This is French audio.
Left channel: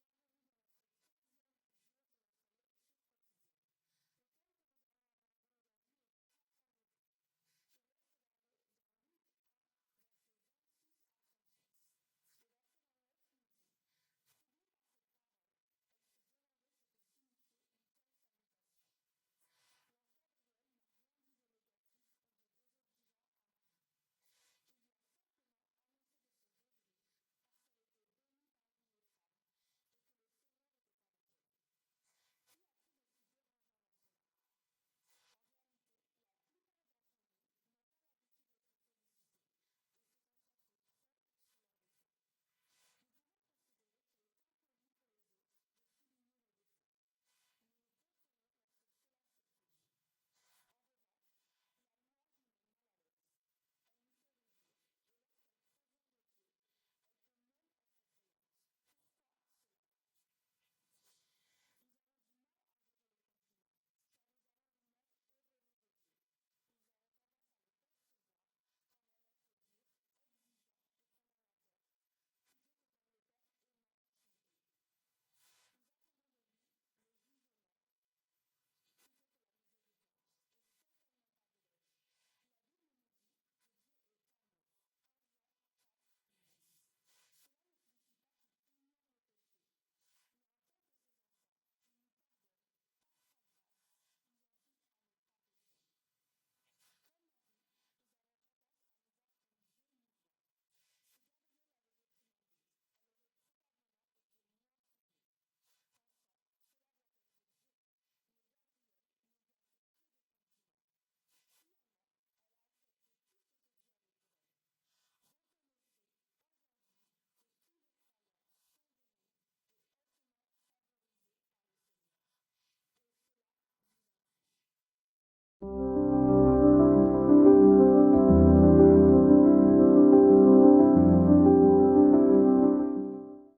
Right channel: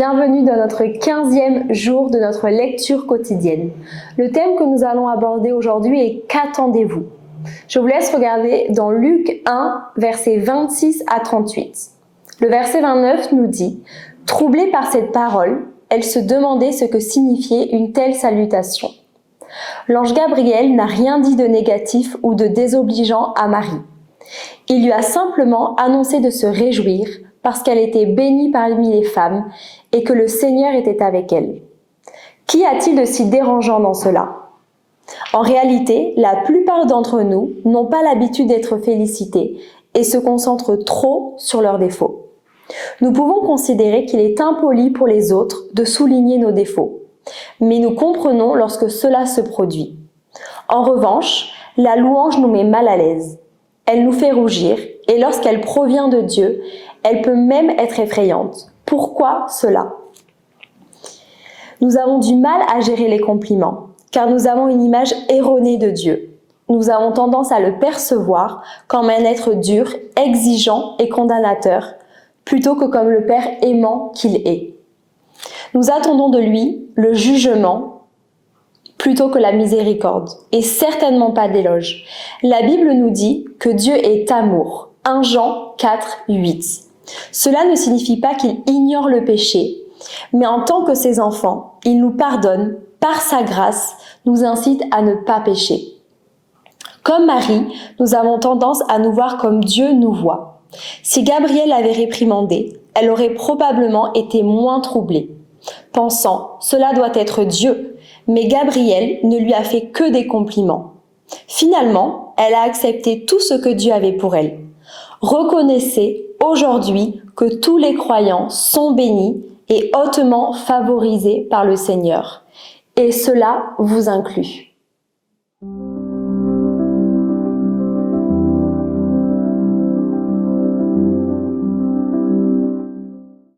Bienvenue dans notre 15e jour de notre lecture quotidienne. Le thème que nous allons aborder aujourd'hui est « Qu'attendez-vous » Je vous laisse regarder dans Luc 1, versets 26 à 38. Le verset 29 nous dit « Troublée par cette parole, elle se demandait ce que signifiait une telle salutation. L'ange Gabriel n'a rien dit de négatif ou de désobligeant à Marie. Il lui a simplement annoncé de se réjouir parce qu'elle était bénie parmi les femmes et que le Seigneur était avec elle. Qu'y a-t-il de si dérangeant dans cela ? En réalité, la plupart d'entre nous n'ont pas l'habitude d'être félicités et se concentrent trop sur leurs défauts. Nous pouvons considérer qu'il est impoli pour les autres de souligner nos défauts, mais nous comprenons lorsque cela se produit. En revanche, la louange nous met mal à l'aise. Elle nous fait rougir et lorsqu'elle provient de Dieu, elle peut même être effrayante. Pourquoi cela ? Nous avons du mal à gérer les compliments, car nous avons une image erronée de Dieu. Nous avons tendance à le percevoir comme un être dur, exigeant et condamnateur, plutôt que comme le Père aimant qu'il est. Nous attendons de lui le jugement plutôt que la miséricorde, et certainement pas d'éloge. La Bible nous dit que Dieu est amour. 1 Jean 4, 8. Cela ne signifie pas qu'il ignore le péché, mais en tant que ses enfants, il nous pardonne, par sa grâce, nous incite à ne pas pécher. Comme Marie, nous avons tendance à nous voir comme Dieu nous voit. Si Gabriel avait réprimandé, elle aurait probablement été moins troublée, pensant « cela doit être Dieu », mais Gabriel ne lui a fait que des compliments. Finalement, elle a accepté tout ce que Dieu avait pour elle. Reconnaissez aujourd'hui que tous les croyants sont bénis et hautement favorisés par le Seigneur. Et cela vous inclut.